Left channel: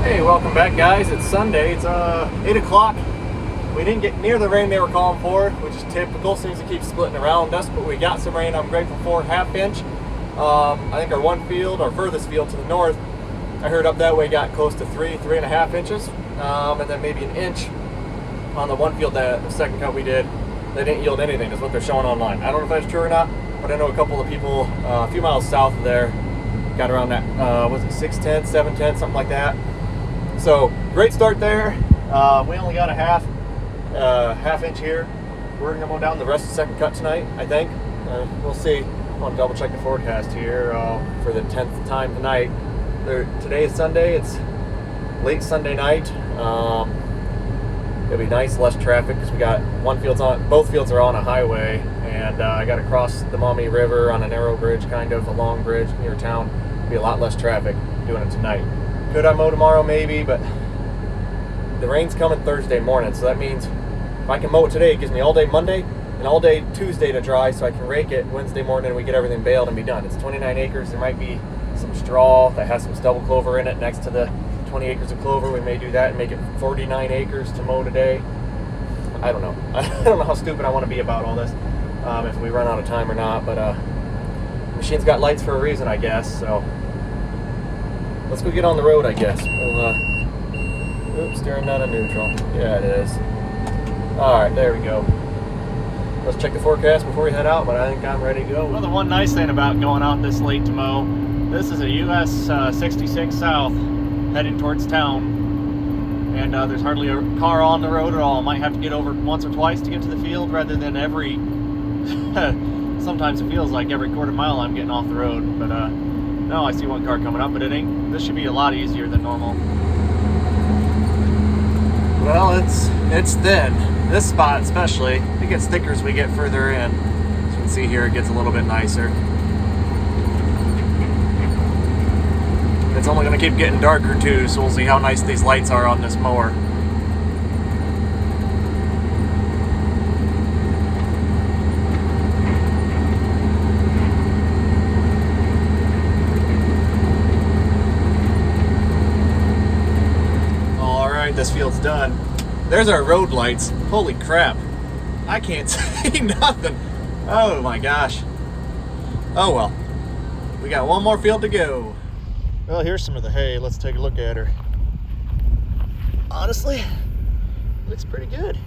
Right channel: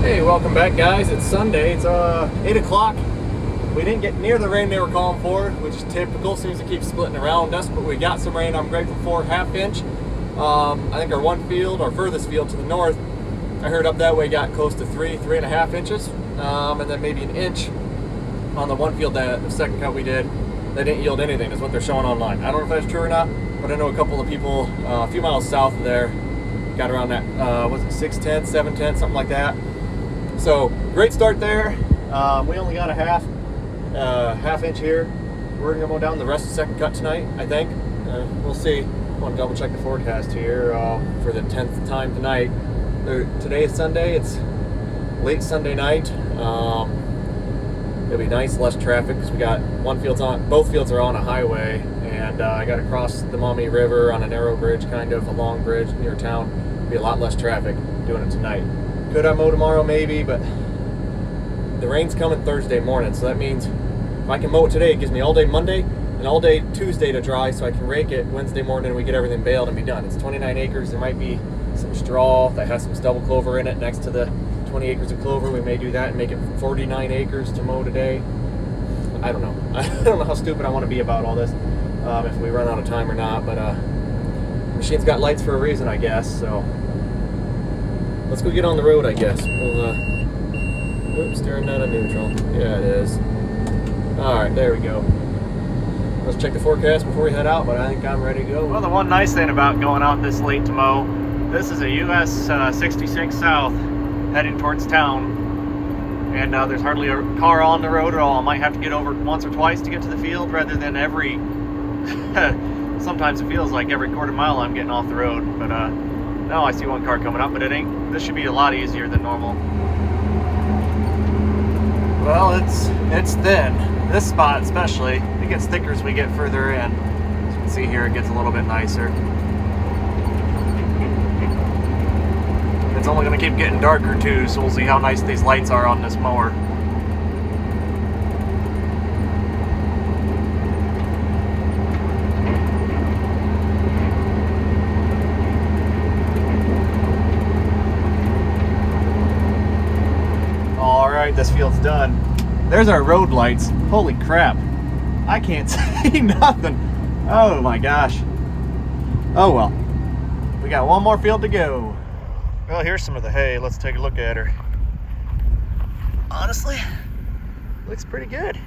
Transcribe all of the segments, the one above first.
Hey, welcome back, guys. It's Sunday. It's 8 o'clock. We didn't get near the rain they were calling for, which is typical. Seems to keep splitting around us, but we got some rain. I'm grateful for ½ inch. I think our one field, our furthest field to the north, I heard up that way got close to 3.5 inches, and then maybe an inch on the one field that the second cut we did. They didn't yield anything, is what they're showing online. I don't know if that's true or not, but I know a couple of people a few miles south of there got around that, was it 6/10, 7/10, something like that. So great start there. We only got a half inch here. We're gonna mow down the rest of the second cut tonight, I think. We'll see. I want to double check the forecast here for the 10th time tonight. Today is Sunday. It's late Sunday night. It'll be nice, less traffic because we got both fields are on a highway, and I got to cross the Maumee River on a narrow bridge, kind of a long bridge near town. Be a lot less traffic doing it tonight. Could I mow tomorrow? Maybe, but the rain's coming Thursday morning, so that means if I can mow it today, it gives me all day Monday and all day Tuesday to dry, so I can rake it Wednesday morning and we get everything baled and be done. It's 29 acres. There might be some straw that has some stubble clover in it next to the 20 acres of clover. We may do that and make it 49 acres to mow today. I don't know. I don't know how stupid I want to be about all this, if we run out of time or not, but the machine's got lights for a reason, I guess, so let's go get on the road, I guess. We'll, oops, steering out of neutral. Yeah, it is. Alright, there we go. Let's check the forecast before we head out, but I think I'm ready to go. Well, the one nice thing about going out this late to mow, this is a US 66 South heading towards town, and there's hardly a car on the road at all. I might have to get over once or twice to get to the field rather than every sometimes it feels like every quarter mile I'm getting off the road, but no, I see one car coming up, but it ain't. This should be a lot easier than normal. Well, it's thin. This spot especially. It gets thicker as we get further in. As you can see here, it gets a little bit nicer. It's only going to keep getting darker too, so we'll see how nice these lights are on this mower. This field's done. There's our road lights. Holy crap. I can't see nothing. Oh my gosh. Oh well. We got one more field to go. Well, here's some of the hay. Let's take a look at her. Honestly, looks pretty good.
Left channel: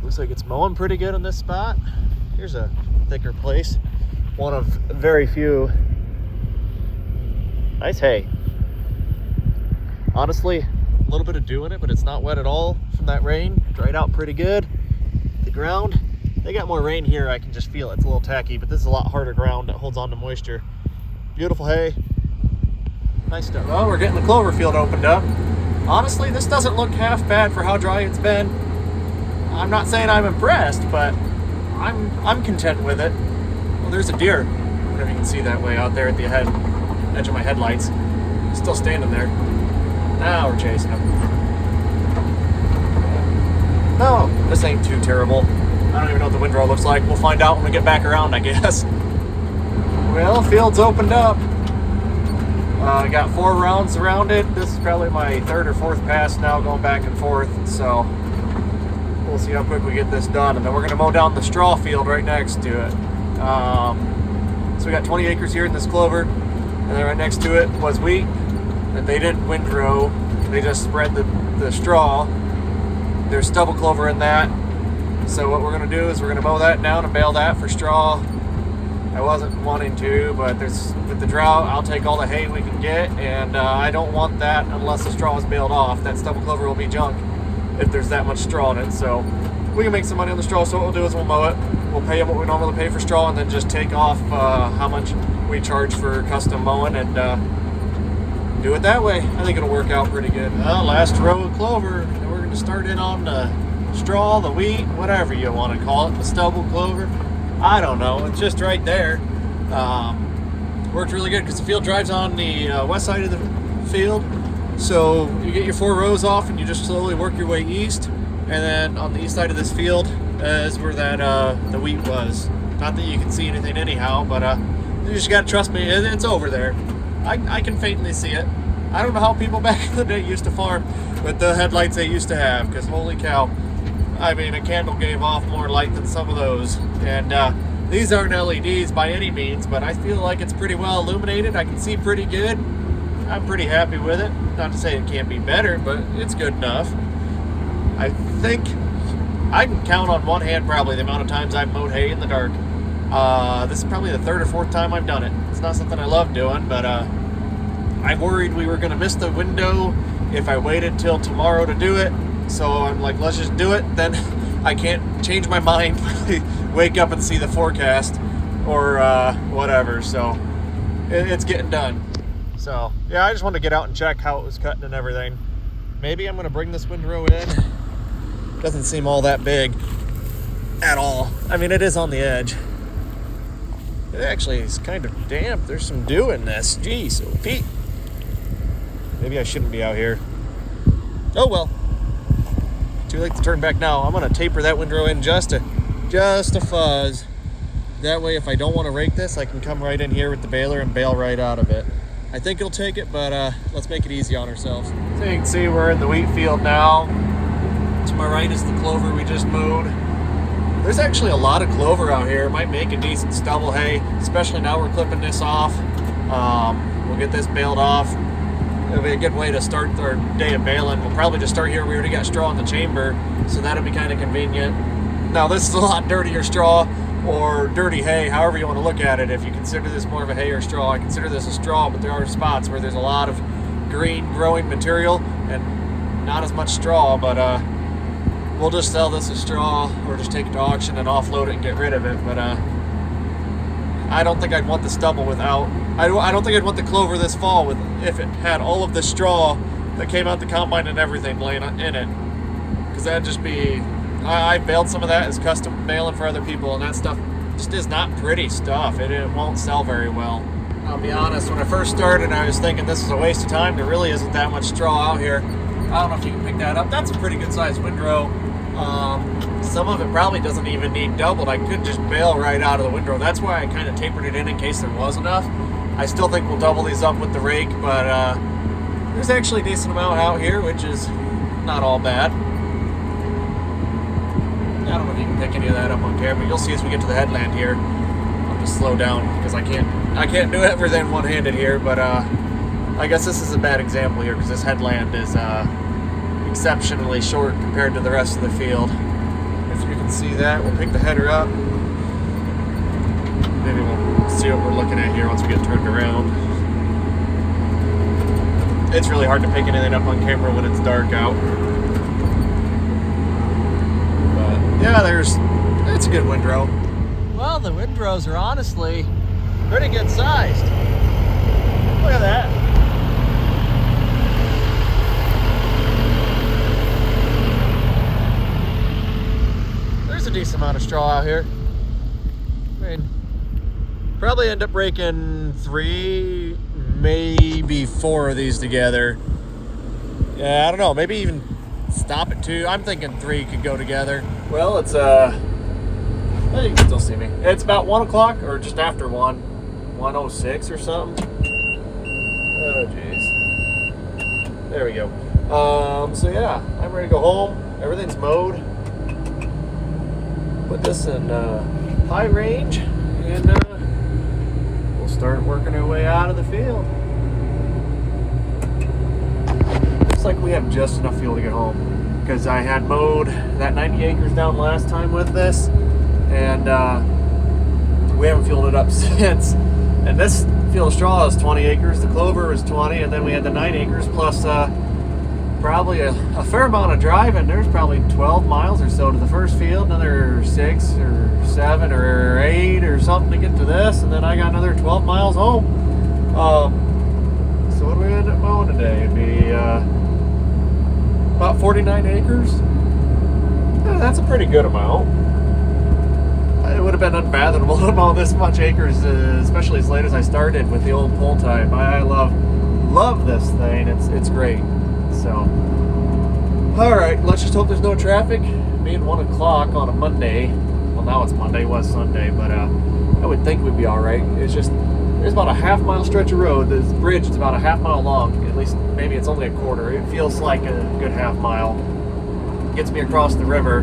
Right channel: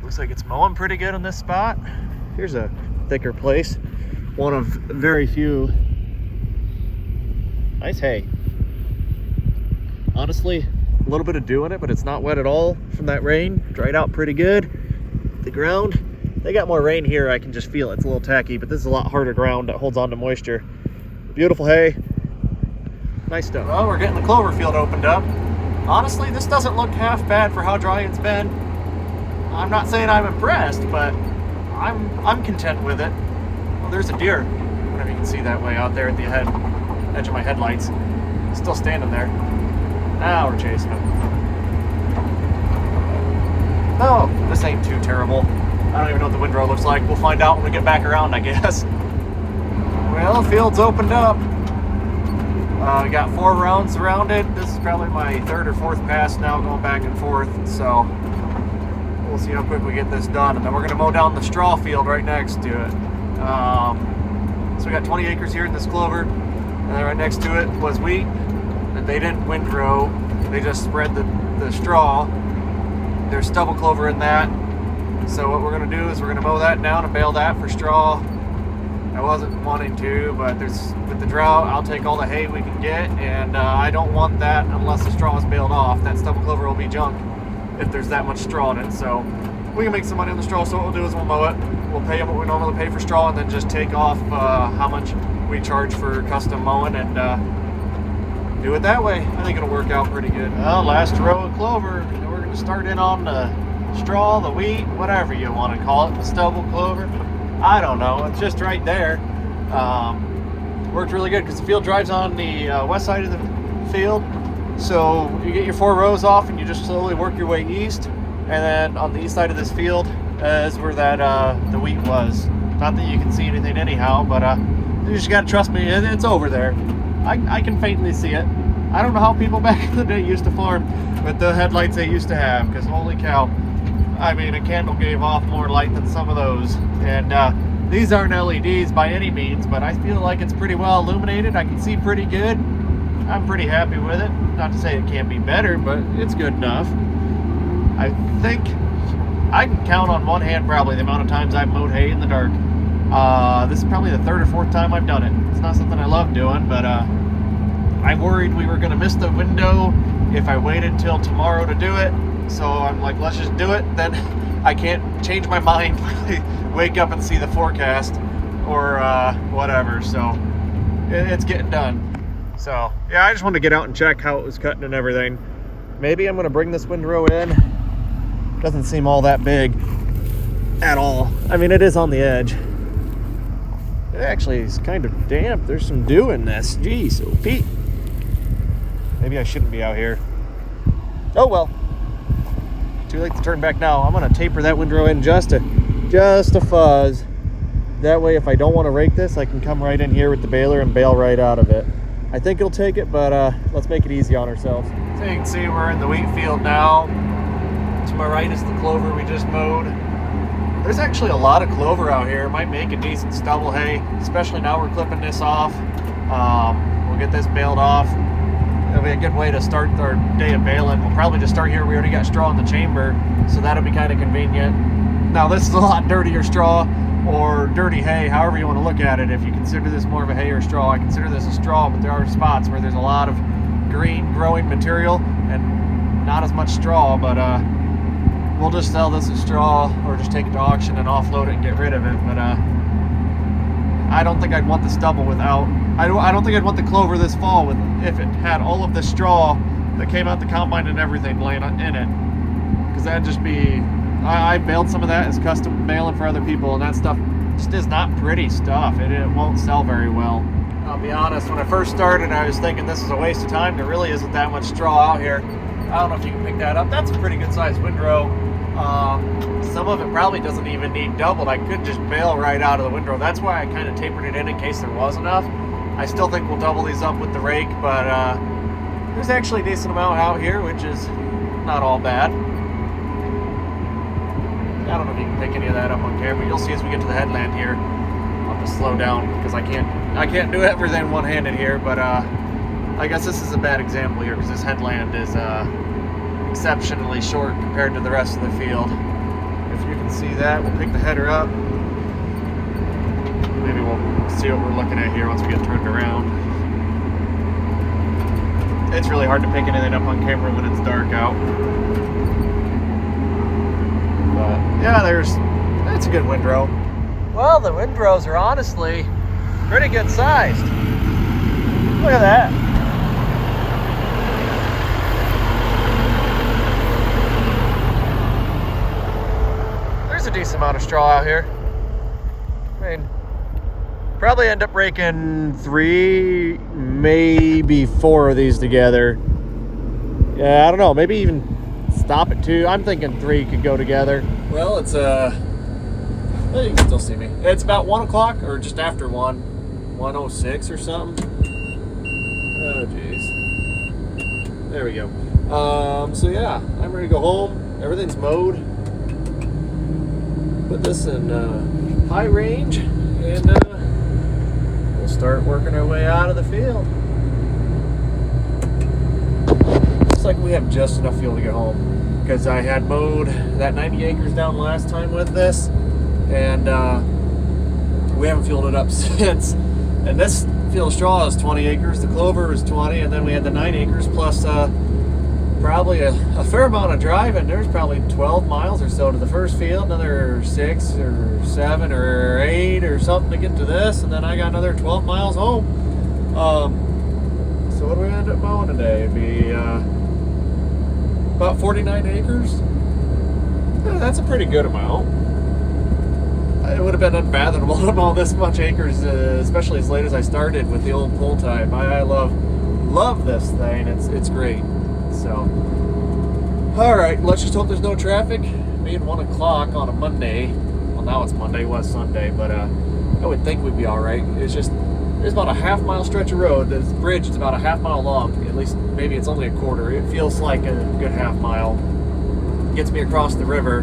Looks like it's mowing pretty good on this spot. Here's a thicker place. One of very few. Nice hay. Honestly, a little bit of dew in it, but it's not wet at all from that rain. Dried out pretty good. The ground, they got more rain here. I can just feel it. It's a little tacky, but this is a lot harder ground that holds on to moisture. Beautiful hay. Nice stuff. Well, we're getting the clover field opened up. Honestly, this doesn't look half bad for how dry it's been. I'm not saying I'm impressed, but I'm content with it. Well, there's a deer. Whatever you can see that way out there at the edge of my headlights. Still standing there. Now we're chasing him. No, this ain't too terrible. I don't even know what the windrow looks like. We'll find out when we get back around, I guess. Well, field's opened up. Got 4 rounds around it. This is probably my 3rd or 4th pass now going back and forth. So we'll see how quick we get this done. And then we're going to mow down the straw field right next to it. So we got 20 acres here in this clover. And then right next to it was wheat. But they didn't windrow, they just spread the straw. There's stubble clover in that. So what we're going to do is we're going to mow that down and bale that for straw. I wasn't wanting to, but with the drought, I'll take all the hay we can get, and I don't want that unless the straw is baled off. That stubble clover will be junk if there's that much straw in it. So we can make some money on the straw, so what we'll do is we'll mow it. We'll pay them what we normally pay for straw, and then just take off how much we charge for custom mowing, and do it that way. I think it'll work out pretty good. Well, last row of clover, and we're going to start in on the straw, the wheat, whatever you want to call it, the stubble clover. I don't know. It's just right there. Worked really good because the field drives on the west side of the field. So you get your 4 rows off and you just slowly work your way east. And then on the east side of this field is where that the wheat was. Not that you can see anything anyhow, but you just got to trust me. It's over there. I can faintly see it. I don't know how people back in the day used to farm with the headlights they used to have, because holy cow, I mean, a candle gave off more light than some of those. And these aren't LEDs by any means, but I feel like it's pretty well illuminated. I can see pretty good. I'm pretty happy with it. Not to say it can't be better, but it's good enough. I think I can count on one hand probably the amount of times I've mowed hay in the dark. This is probably the third or fourth time I've done it. It's not something I love doing, but I worried we were going to miss the window if I waited till tomorrow to do it. So I'm like, let's just do it. Then I can't change my mind when I wake up and see the forecast or whatever. So it's getting done. So yeah, I just wanted to get out and check how it was cutting and everything. Maybe I'm going to bring this windrow in. Doesn't seem all that big at all. I mean, it is on the edge. It actually is kind of damp. There's some dew in this. Geez, oh Pete. Maybe I shouldn't be out here. Oh well. Too late to turn back now. I'm gonna taper that windrow in just a fuzz. That way, if I don't want to rake this, I can come right in here with the baler and bale right out of it. I think it'll take it, but let's make it easy on ourselves. So you can see we're in the wheat field now. To my right is the clover we just mowed. There's actually a lot of clover out here. It might make a decent stubble hay, especially now we're clipping this off. We'll get this baled off. It'll be a good way to start our day of baling. We'll probably just start here. We already got straw in the chamber, so that'll be kind of convenient. Now this is a lot dirtier straw or dirty hay, however you want to look at it. If you consider this more of a hay or straw, I consider this a straw, but there are spots where there's a lot of green growing material and not as much straw, but we'll just sell this as straw or just take it to auction and offload it and get rid of it. But I don't think I'd want the stubble without, I don't think I'd want the clover this fall with if it had all of the straw that came out the combine and everything laying in it, because that'd just be, I baled some of that as custom baling for other people, and that stuff just is not pretty stuff. It won't sell very well. I'll be honest, when I first started, I was thinking this is a waste of time. There really isn't that much straw out here. I don't know if you can pick that up. That's a pretty good sized windrow. Some of it probably doesn't even need doubled. I could just bale right out of the windrow. That's why I kind of tapered it in case there was enough. I still think we'll double these up with the rake, but there's actually a decent amount out here, which is not all bad. I don't know if you can pick any of that up on camera. You'll see as we get to the headland here. I'll have to slow down because I can't do everything one-handed here, but I guess this is a bad example here because this headland is exceptionally short compared to the rest of the field. If you can see that, we'll pick the header up. Maybe we'll see what we're looking at here once we get turned around. It's really hard to pick anything up on camera when it's dark out. But yeah, that's a good windrow. Well, the windrows are honestly pretty good sized. Look at that. There's a decent amount of straw out here. I mean, probably end up raking 3, maybe 4 of these together. Yeah, I don't know, maybe even stop at 2. I'm thinking 3 could go together. Well, it's well, you can still see me. It's about 1 o'clock or just after 1:06 or something. Oh jeez. There we go. So yeah, I'm ready to go home. Everything's mowed. Put this in high range, and we'll start working our way out of the field. Looks like we have just enough fuel to get home, because I had mowed that 90 acres down last time with this, and we haven't fueled it up since. And this field of straw is 20 acres, the clover was 20, and then we had the 9 acres plus probably a fair amount of driving. There's probably 12 miles or so to the first field, another 6 or 7 or 8 or something to get to this, and then I got another 12 miles home. So what do we end up mowing today? It'd be about 49 acres. Yeah, that's a pretty good amount. It would have been unfathomable to mow this much acres, especially as late as I started with the old pull type. I love this thing. It's great. So, all right, let's just hope there's no traffic. Being 1 o'clock on a Monday, well now it's Monday, it was Sunday, but I would think we'd be all right. It's just there's about a half-mile stretch of road. This bridge is about a half-mile long. At least, maybe it's only a quarter. It feels like a good half-mile. Gets me across the river.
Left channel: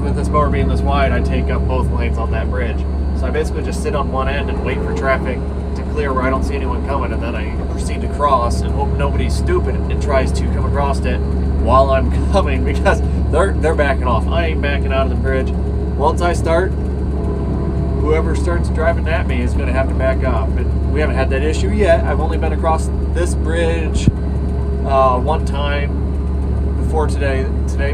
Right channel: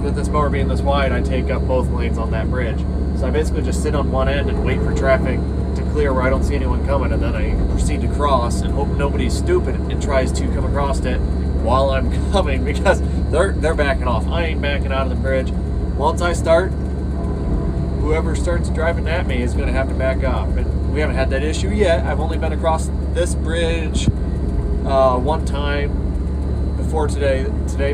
With this mower being this wide, I take up both lanes on that bridge. So I basically just sit on one end and wait for traffic to clear where I don't see anyone coming, and then I proceed to cross and hope nobody's stupid and tries to come across it while I'm coming, because they're backing off. I ain't backing out of the bridge. Once I start, whoever starts driving at me is going to have to back up. And we haven't had that issue yet. I've only been across this bridge one time before today. Today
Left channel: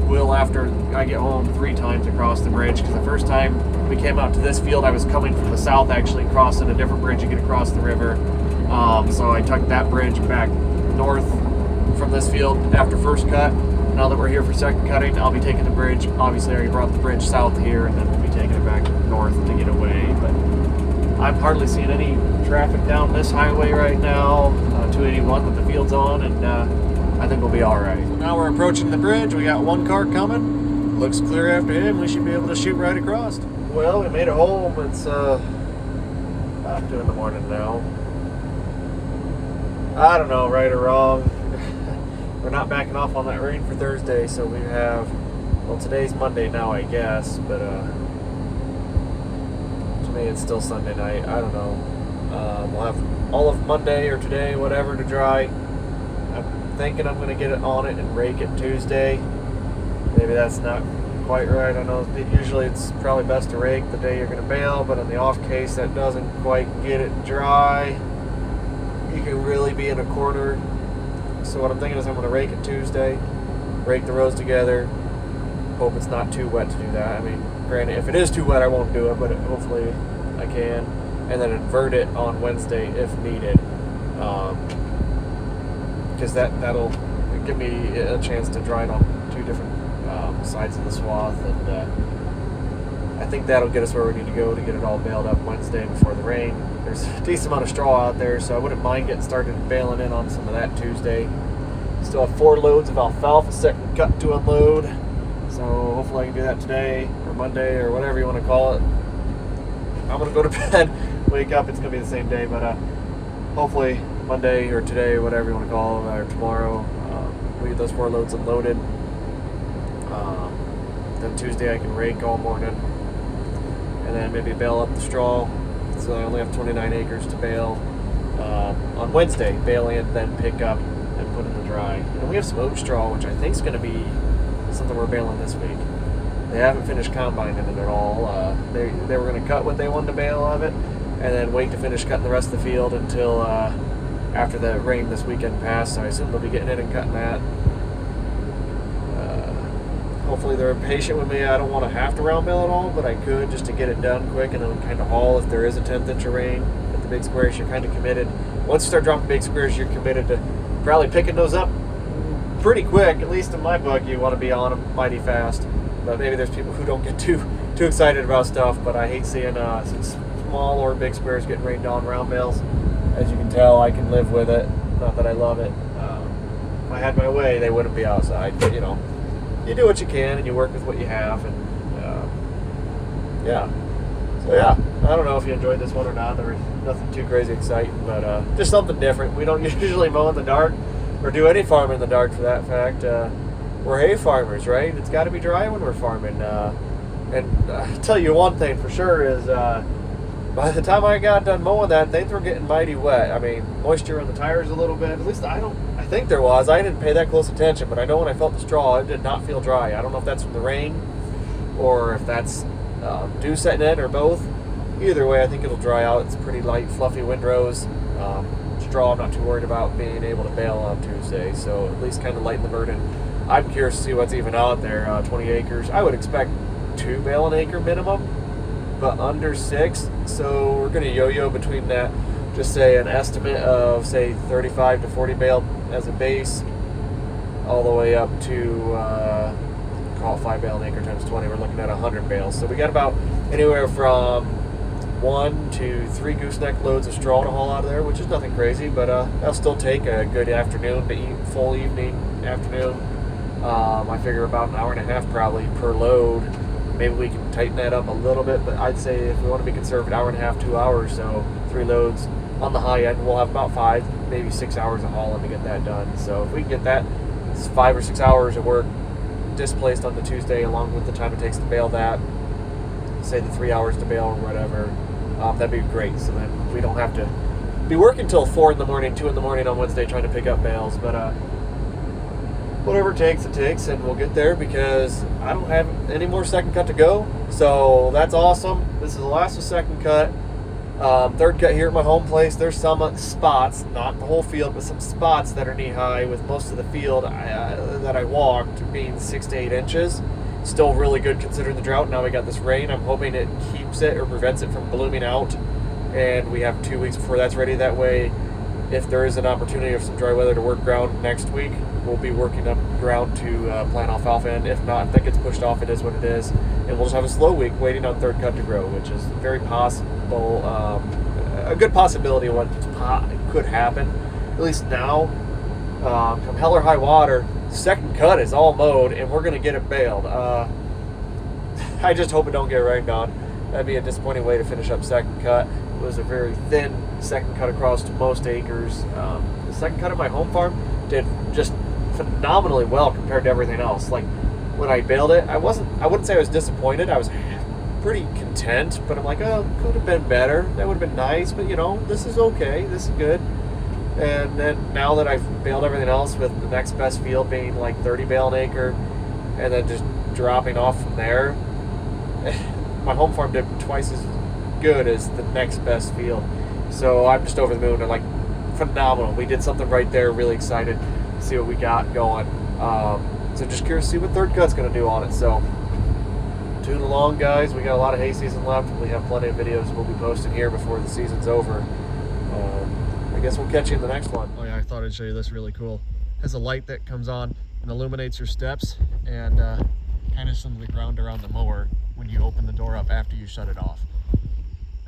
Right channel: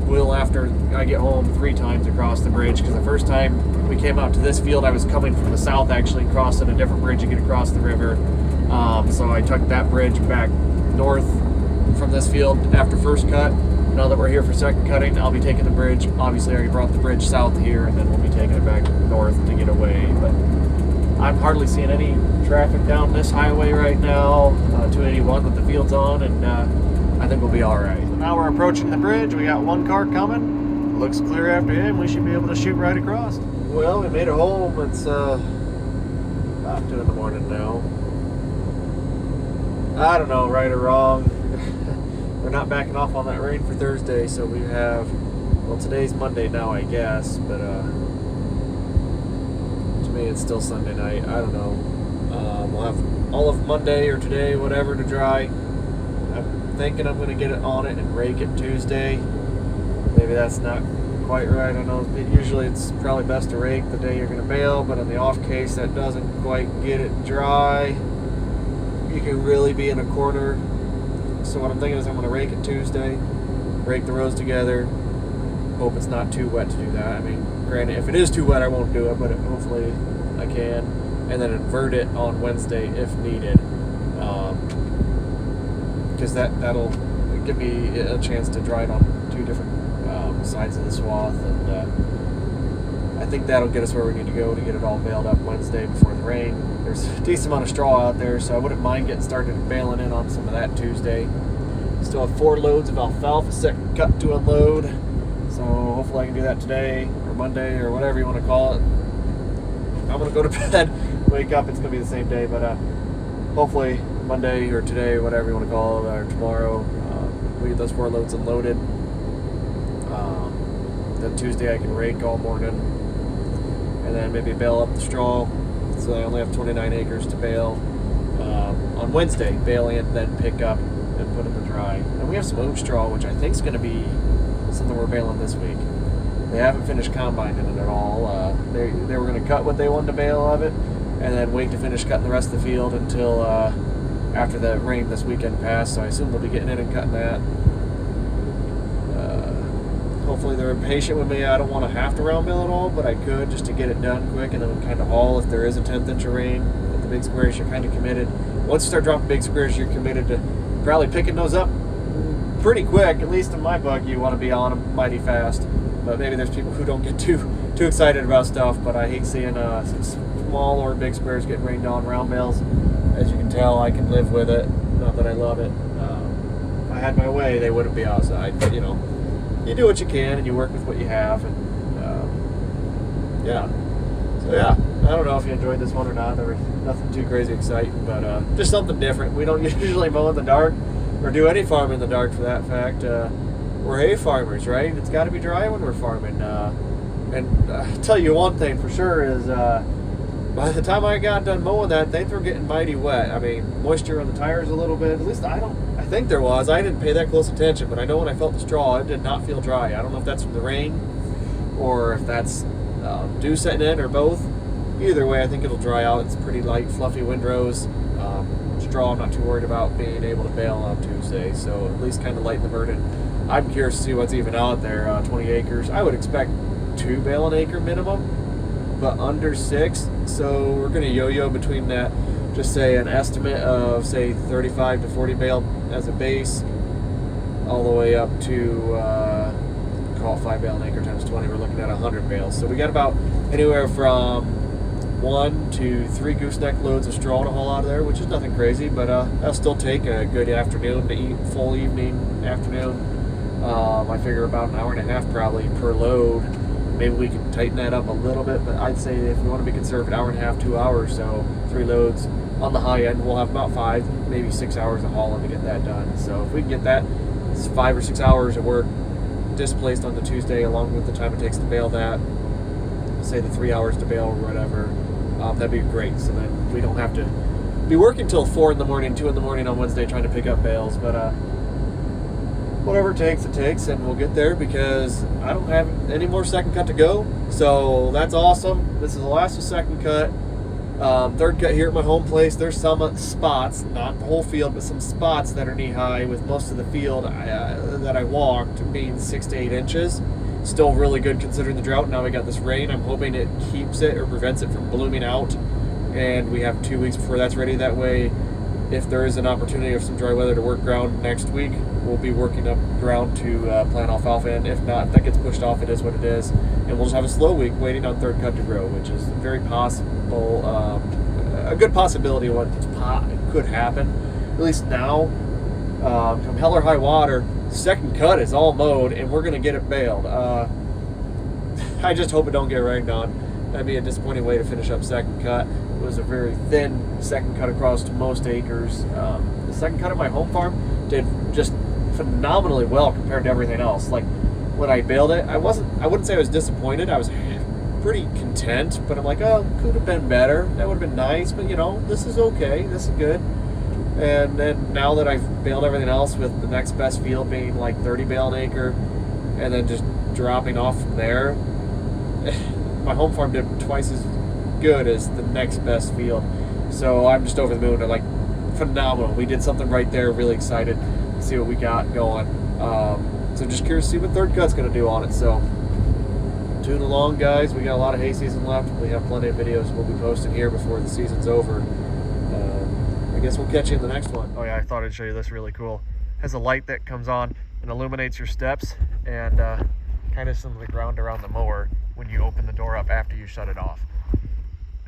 will after I get home 3 times across the bridge, because the first time we came out to this field, I was coming from the south, actually crossing a different bridge to get across the river. So I took that bridge back north from this field after first cut. Now that we're here for second cutting, I'll be taking the bridge. Obviously, I already brought the bridge south here, and then we'll be taking it back north to get away. But I'm hardly seeing any traffic down this highway right now, 281 with the fields on, and I think we'll be all right. So now we're approaching the bridge. We got one car coming. Looks clear after him. We should be able to shoot right across. Well, we made it home. It's about 2 in the morning now. I don't know, right or wrong. We're not backing off on that rain for Thursday, so we have, well, today's Monday now, I guess, but to me it's still Sunday night. I don't know. We'll have all of Monday or today, whatever, to dry. I'm thinking I'm going to get it on it and rake it Tuesday. Maybe that's not quite right. I know usually it's probably best to rake the day you're going to bale, but in the off case that doesn't quite get it dry, you can really be in a corner. So what I'm thinking is I'm going to rake it Tuesday, rake the rows together, hope it's not too wet to do that. I mean, granted, if it is too wet, I won't do it, but hopefully I can. And then invert it on Wednesday if needed, because that'll give me a chance to dry it on 2 different sides of the swath, and I think that'll get us where we need to go to get it all baled up Wednesday before the rain. There's a decent amount of straw out there, so I wouldn't mind getting started baling in on some of that Tuesday. Still have 4 loads of alfalfa second cut to unload, so hopefully I can do that today or Monday or whatever you want to call it. I'm going to go to bed, wake up, it's going to be the same day, but hopefully Monday or today, whatever you want to call it, or tomorrow, we get those 4 loads unloaded. Then Tuesday I can rake all morning, and then maybe bale up the straw. So I only have 29 acres to bale on Wednesday. Bale in, then pick up and put in the dry. And we have some oat straw, which I think is going to be something we're baling this week. They haven't finished combining it at all. They were going to cut what they wanted to bale of it, and then wait to finish cutting the rest of the field until after the rain this weekend passed. So I assume they'll be getting in and cutting that. Hopefully they're patient with me. I don't want to have to round bale it all, but I could just to get it done quick, and then we kind of haul if there is a 1/10 inch of rain. With the big squares, you're kind of committed. Once you start dropping big squares, you're committed to probably picking those up pretty quick. At least in my bug, you want to be on them mighty fast. But maybe there's people who don't get too excited about stuff. But I hate seeing some small or big squares getting rained on round bales. As you can tell, I can live with it. Not that I love it. If I had my way, they wouldn't be outside. But you know, you do what you can and you work with what you have, and yeah. So yeah, I don't know if you enjoyed this one or not. There was nothing too crazy exciting, but just something different. We don't usually mow in the dark or do any farming in the dark for that fact. We're hay farmers, right? It's got to be dry when we're farming. And I'll tell you one thing for sure is by the time I got done mowing that, things were getting mighty wet. I mean, moisture in the tires a little bit. At least I think there was. I didn't pay that close attention, but I know when I felt the straw, it did not feel dry. I don't know if that's from the rain or if that's dew setting in or both. Either way, I think it'll dry out. It's pretty light, fluffy windrows. Straw, I'm not too worried about being able to bale on Tuesday, so at least kind of lighten the burden. I'm curious to see what's even out there. 20 acres. I would expect 2 bale an acre minimum, but under 6. So we're going to yo-yo between that. Just say an estimate of say 35 to 40 bale as a base, all the way up to call it 5 bale an acre times 20. We're looking at 100 bales. So we got about anywhere from 1 to 3 gooseneck loads of straw to haul out of there, which is nothing crazy, but that'll still take a good afternoon to eat, full evening, afternoon. I figure about an hour and a half probably per load Maybe we can tighten that up a little bit, but I'd say if we want to be conservative, hour and a half, 2 hours, so 3 loads on the high end, we'll have about 5, maybe 6 hours of hauling to get that done. So if we can get that, it's 5 or 6 hours of work displaced on the Tuesday, along with the time it takes to bale that, say the 3 hours to bale or whatever, that'd be great. So then we don't have to be working till 4 in the morning, 2 in the morning on Wednesday trying to pick up bales. But whatever it takes, and we'll get there because I don't have any more second cut to go. So that's awesome. This is the last of second cut. Third cut here at my home place. There's some spots, not the whole field, but some spots that are knee high, with most of the field that I walked being 6 to 8 inches. Still really good considering the drought. Now we got this rain. I'm hoping it keeps it or prevents it from blooming out, and we have 2 weeks before that's ready. That way, if there is an opportunity of some dry weather to work ground next week, we'll be working up ground to plant alfalfa in. If not, if that gets pushed off, it is what it is. And we'll just have a slow week waiting on third cut to grow, which is very possible, a good possibility of what could happen. At least now, from hell or high water, second cut is all mowed and we're going to get it baled. I just hope it don't get rained on. That'd be a disappointing way to finish up second cut. It was a very thin second cut across to most acres. The second cut of my home farm did just phenomenally well compared to everything else. Like when I baled it, I wouldn't say I was disappointed. I was pretty content, but I'm like, oh, could have been better. That would have been nice, but you know, this is okay. This is good. And then now that I've baled everything else, with the next best field being like 30 bale an acre, and then just dropping off from there, my home farm did twice as good as the next best field. So I'm just over the moon. And like, phenomenal. We did something right there. Really excited to see what we got going. So just curious to see what third cut's going to do on it. So tune along, guys. We got a lot of hay season left. We have plenty of videos we'll be posting here before the season's over. I guess we'll catch you in the next one. Oh yeah, I thought I'd show you this really cool. It has a light that comes on and illuminates your steps and kind of some of the ground around the mower when you open the door up after you shut it off.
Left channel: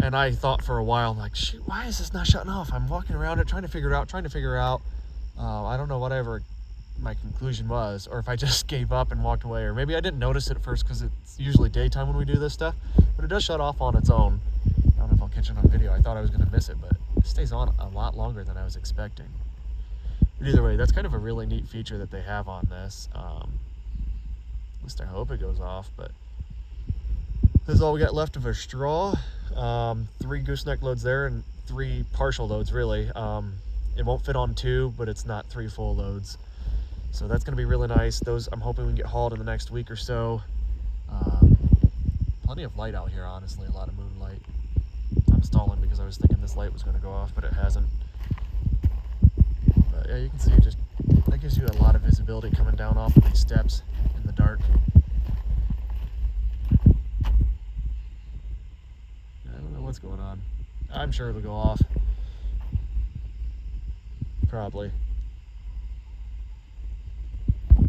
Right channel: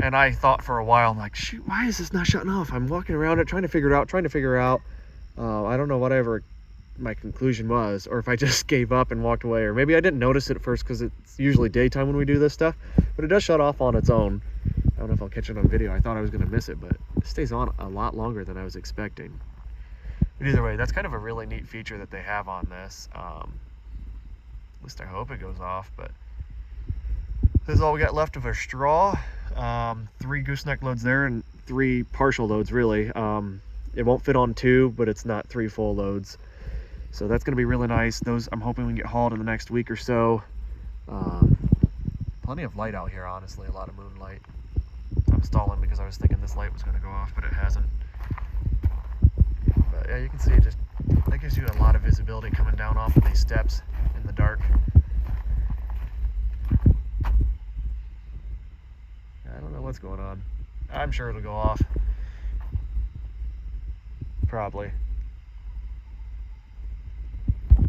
And I thought for a while, I'm like, shoot, why is this not shutting off? I'm walking around it, trying to figure it out. I don't know whatever my conclusion was, or if I just gave up and walked away, or maybe I didn't notice it at first because it's usually daytime when we do this stuff, but it does shut off on its own. I don't know if I'll catch it on video. I thought I was going to miss it, but it stays on a lot longer than I was expecting. But either way, that's kind of a really neat feature that they have on this. At least I hope it goes off, but this is all we got left of our straw. 3 gooseneck loads there and 3 partial loads, really. It won't fit on 2, but it's not 3 full loads. So that's going to be really nice. Those I'm hoping we can get hauled in the next week or so. Plenty of light out here, honestly, a lot of moonlight. I'm stalling because I was thinking this light was going to go off, but it hasn't. But yeah, you can see it just, that gives you a lot of visibility coming down off of these steps in the dark. I don't know what's going on. I'm sure it'll go off. Probably.